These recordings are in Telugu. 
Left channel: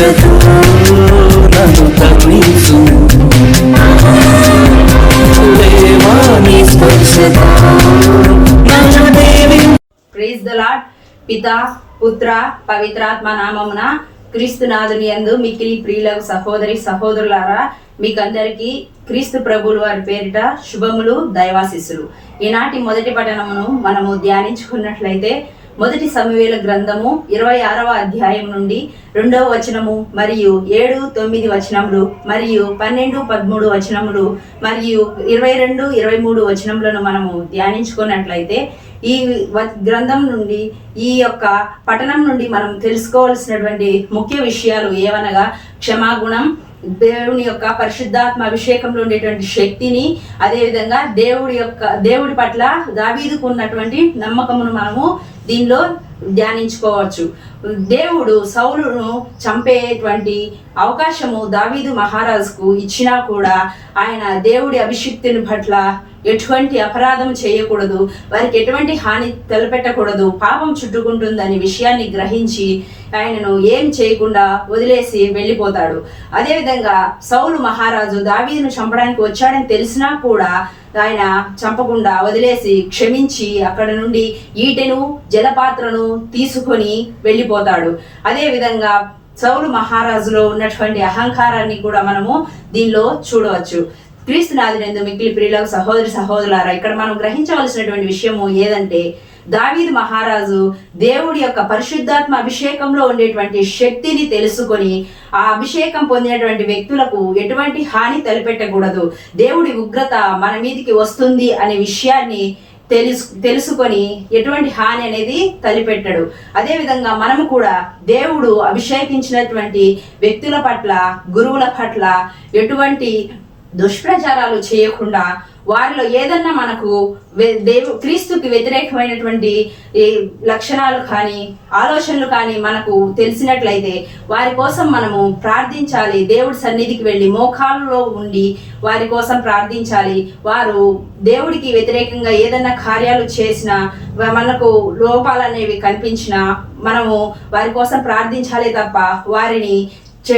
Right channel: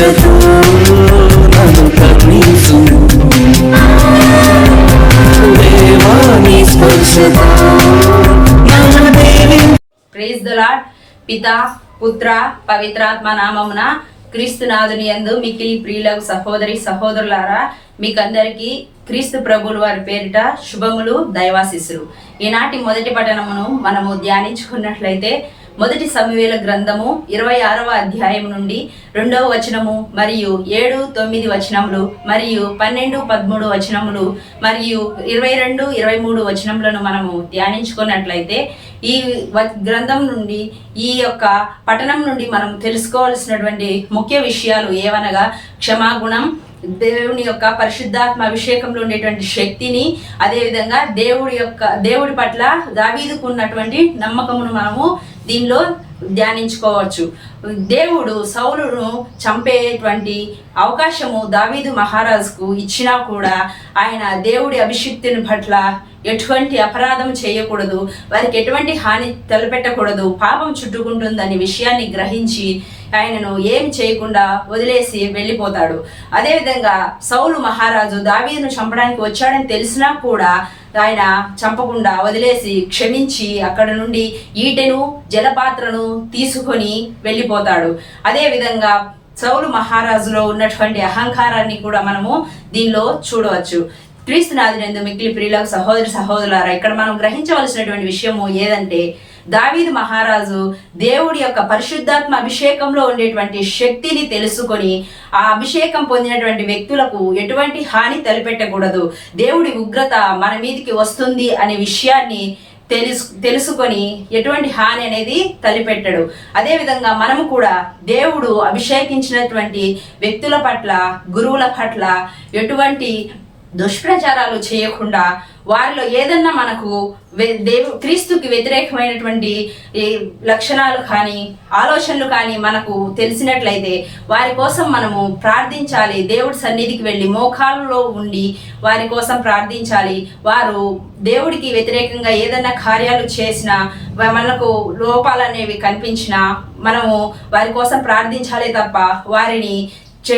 పిత పుత్ర పవిత్రాత్మ నామమున క్రీస్తునాథుని యందు ఈ ప్రియులకు సహోదరి సహోదరులారా మీకందరికీ క్రీస్తు ప్రభులు వారి పేరిట శుభములు దైవాశిస్సులు. ఈనాటి మొదటి పఠనమును మనము ధ్యానించుకున్నట్లయితే మొదటి సమవేల గ్రంథము ఇరవై ఆరవ అధ్యాయం నుండి రెండవ వచనము మరియు ఏడు తొమ్మిది వచనములు మరియు పన్నెండు పదమూడు వచనములు మరియు ఇరవై రెండు ఇరవై మూడు వచనములను మనము ధ్యానించుకున్నట్లయితే ఈ వ- గ్రంథం నుండి ఈ యొక్క పఠనం నుండి మనం తెలుసుకోవాల్సినటువంటి ముఖ్య విషయాలు ఏవనగా క్షమాగుణం దేవుని యొక్క పరిశుద్ధాత్మ అభిషేకంలో ఉండేటువంటి శక్తిని అదేవిధంగా దేవుడి యొక్క దేవుడి పట్ల దావీదుకు ఉన్నటువంటి నమ్మకమును మనము దీనిలో ధ్యానించుకోవచ్చు. దేవుడు సౌలును చంపేటువంటి అవకాశము దావీదు మహారాజుకు ఇచ్చినా కూడా ఆయన దేవుడి అభిషిక్తుని పట్ల ఎటువంటి అపరాధం చేయకూడదు వారికి ఎటువంటి హాని తలపెట్టకూడదు పాపం చుట్టుకుంటుందనే విషయాన్ని గ్రహించి ఆయనను ఏం చేయకుండా వదిలేసి వెళ్ళిపోతాడు. అదేవిధంగా సౌలు మహారాజు దావీదును చంపడానికి వచ్చాడని తెలిసినా కూడా ఆయన చంపకుండా వదిలేసి క్షమించి అక్కడ నుండి ఈటెను జలపాత్రను తీసుకొని వెళ్ళిపోతాడు. అదేవిధంగా సౌలు మహారాజులో ఉన్నటువంటి అహంకారాన్ని కూడా మనము దీనిలో చూడవచ్చు. క్రీస్తునాథునందు మిక్కిలి ప్రియులకు సహోదరి సహోదరులారా ఇక్కడ మనం గ్రహించవలసినటువంటి విషయము ఏదంటే దావీదు మహారాజు దేవుడి యొక్క పరిశుద్ధాత్మ అభిషేకంలో ఉండేటువంటి శక్తిని తెలుసుకొని ఆ అభిషేకం పొందినటువంటి వ్యక్తులకు ఎటువంటి హాని తలపెట్టకూడదు. దేవుడి ఉగ్రత మన మీదికి వస్తుంది అనే విషయాన్ని తెలుసు తెలుసుకొని ఎటువంటి హాని అనేది తలిపెట్టడు. అదేవిధంగా మనము కూడా దేవుడు అభిషేకించినటువంటి వ్యక్తుల పట్ల గురువుల పట్ల ఎటువంటి దుష్ప్రచారాలు చేయకుండా వారిలో ఏదన్నా మనకు దేవు క్రీస్తుకి వ్యతిరేకమైనటువంటి లక్షణాలు కానీ ఆలోచనలు కానీ మనకు తెలిసినట్లయితే వారి కోసం మనము ప్రార్థించాలి. దేవుడి సన్నిధికి వెళ్ళి మోకాళ్ళలో ఉండి వారి కోసం ప్రార్థించాలి. వారు దేవుడికి వ్యతిరేకంగా ఏదన్నా కార్యాలు చేసినా మనకు లోపాలు అనేవి కనిపించినా మనము వారి కోసం ప్రార్థించాలి తప్ప వారిని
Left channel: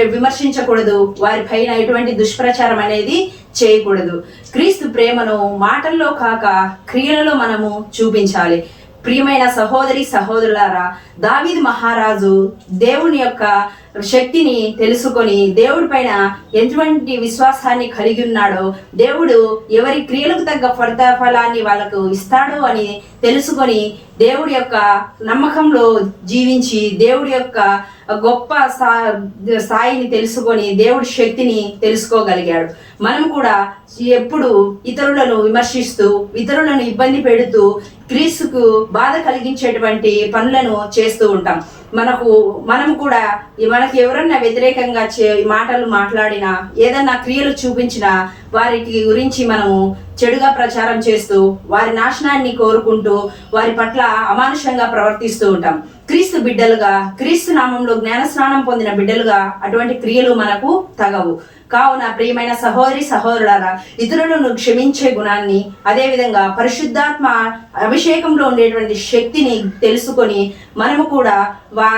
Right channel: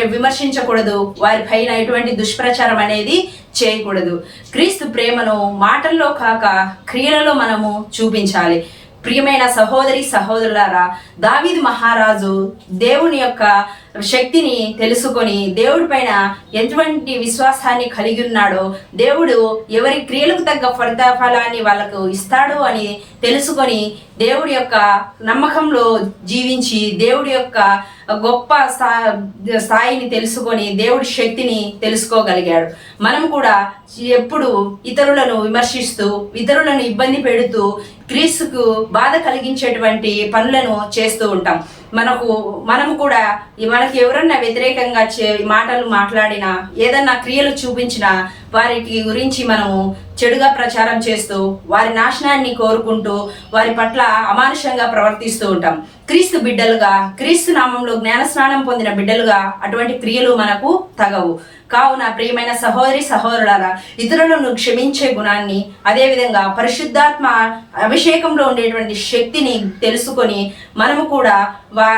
విమర్శించకూడదు. వారిపైన ఎటువంటి దుష్ప్రచారం అనేది చేయకూడదు. క్రీస్తు ప్రేమను మాటల్లో కాక క్రియలలో మనము చూపించాలి. ప్రియమైన సహోదరి సహోదరులారా దావిద్ మహారాజు దేవుని యొక్క శక్తిని తెలుసుకొని దేవుడి పైన ఎటువంటి విశ్వాసాన్ని కలిగి ఉన్నాడో దేవుడు ఎవరి క్రియలకు తగ్గ ఫలితాఫలాన్ని వాళ్ళకు ఇస్తాడో అని తెలుసుకొని దేవుడి యొక్క నమ్మకంలో జీవించి దేవుడి యొక్క గొప్ప స్థా- స్థాయిని తెలుసుకొని దేవుడి శక్తిని తెలుసుకోగలిగాడు. మనం కూడా ఎప్పుడు ఇతరులను విమర్శిస్తూ ఇతరులను ఇబ్బంది పెడుతూ క్రీస్తుకు బాధ కలిగించేటువంటి పనులను చేస్తూ ఉంటాం. మనకు మనం కూడా ఈ మనకి ఎవరన్నా వ్యతిరేకంగా చే- మాటలు మాట్లాడినా ఏదన్నా క్రియలు చూపించినా వారికి గురించి మనము చెడుగా ప్రచారం చేస్తూ వారి నాశనాన్ని కోరుకుంటూ వారి పట్ల అమానుషంగా ప్రవర్తిస్తూ ఉంటాం. క్రీస్తు బిడ్డలుగా క్రీస్తు నామంలో జ్ఞాన స్నానం పొందిన బిడ్డలుగా అటువంటి క్రియలు మనకు తగవు. కావున ప్రియమైన సహోదరి సహోదరులారా ఇతరులను క్షమించే గుణాన్ని అదేవిధంగా పరిశుద్ధాత్మ అభిషేకంలో ఉండేటువంటి శక్తిని తెలుసుకొని మనము కూడా వా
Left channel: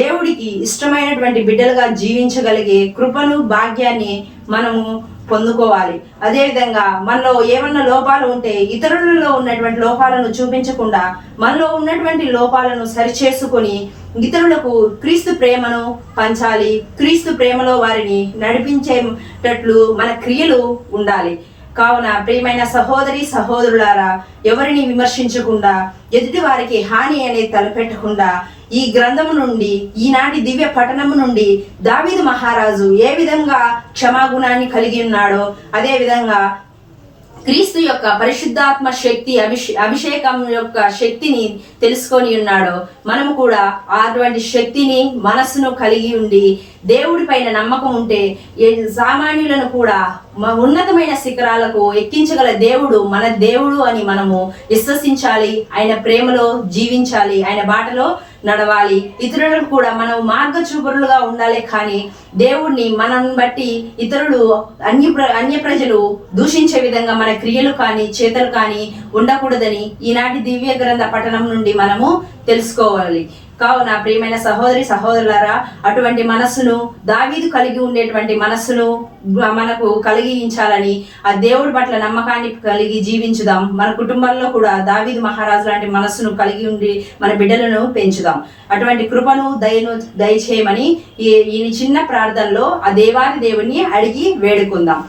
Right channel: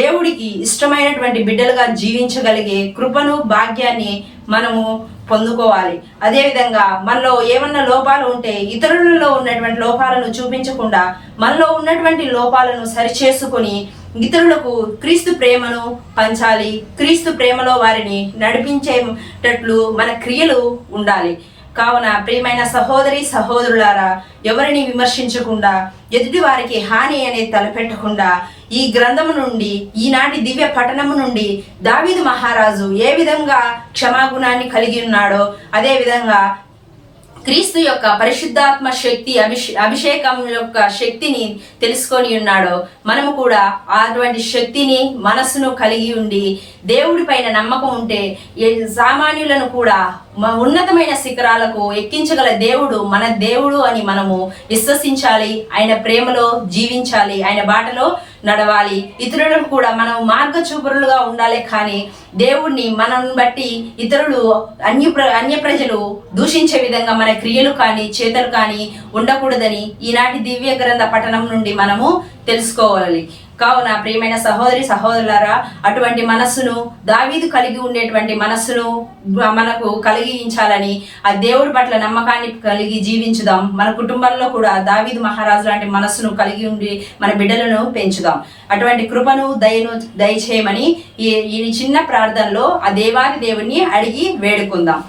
దేవుడికి ఇష్టమైనటువంటి బిడ్డలుగా జీవించగలిగే కృపను భాగ్యాన్ని మనము పొందుకోవాలి. అదేవిధంగా మనలో ఏమన్నా లోపాలు ఉంటే ఇతరులలో ఉన్నటువంటి లోపాలను చూపించకుండా మనలో ఉన్నటువంటి లోపాలను సరిచేసుకొని ఇతరులకు క్రీస్తు ప్రేమను పంచాలి. క్రీస్తు ప్రేమలో వారిని నడిపించేటట్లు మన క్రియలు ఉండాలి. కావున ప్రియమైన సహోదరి సహోదరులారా ఎవరిని విమర్శించకుండా ఎదుటి వారికి హాని అనేది తలపెట్టకుండా ఈ గ్రంథము నుండి ఈనాటి దివ్య పఠనము నుండి దావీదు మహారాజు ఏ విధంగా క్షమాగుణాన్ని కలిగి ఉన్నాడో అదే విధంగా క్రీస్తు యొక్క పరిశుద్ధాత్మ శక్తి అభిషే అభిషేకం యొక్క శక్తిని తెలుసుకొని ఉన్నాడో మనము కూడా అటువంటి శక్తిని మనస్సును కలిగి ఉండి దేవుడి పైన నమ్మకం ఉంటే సామాన్యులను కూడా ఉన్నతమైన శిఖరాలకు ఎక్కించగల దేవుడు మన దేవుడు అని మనము విశ్వసించాలి ఆయన ప్రేమలో జీవించాలి ఆయన బాటలో నడవాలి. ఇతరులకు కూడా మనం మార్గ చూపురులుగా ఉండాలి కానీ దేవుణ్ణి మనం బట్టి ఇతరులు అన్య ప్ర అన్య ప్రజలు దూషించే విధంగా మన క్రియలు కానీ చేతలు కానీ ఉండకూడదని ఈనాటి దివ్య గ్రంథ పఠనం నుండి మనము తెలుసుకోవాలి. కావున ప్రియమైన సహోదరి సహోదరులారా అటువంటి మనస్సును దావీదు కలిగి ఉండేటువంటి మనస్సును మనకు కలిగించాలని ఆ దేవుడి పట్ల నమ్మకాన్ని కలిగి జీవించుదాం. మన కుటుంబంలో కూడా దావీదు మహారాజు లాంటి మనస్సును కలిగి ఉండి మన బిడ్డలను పెంచుదాం. అటువంటి కృపను దయను దయచేయమని ఈ ఈ చిన్న ప్రార్థనలో ఆ దేవాది దేవుణ్ణి అడిగి వేడుకుందాం.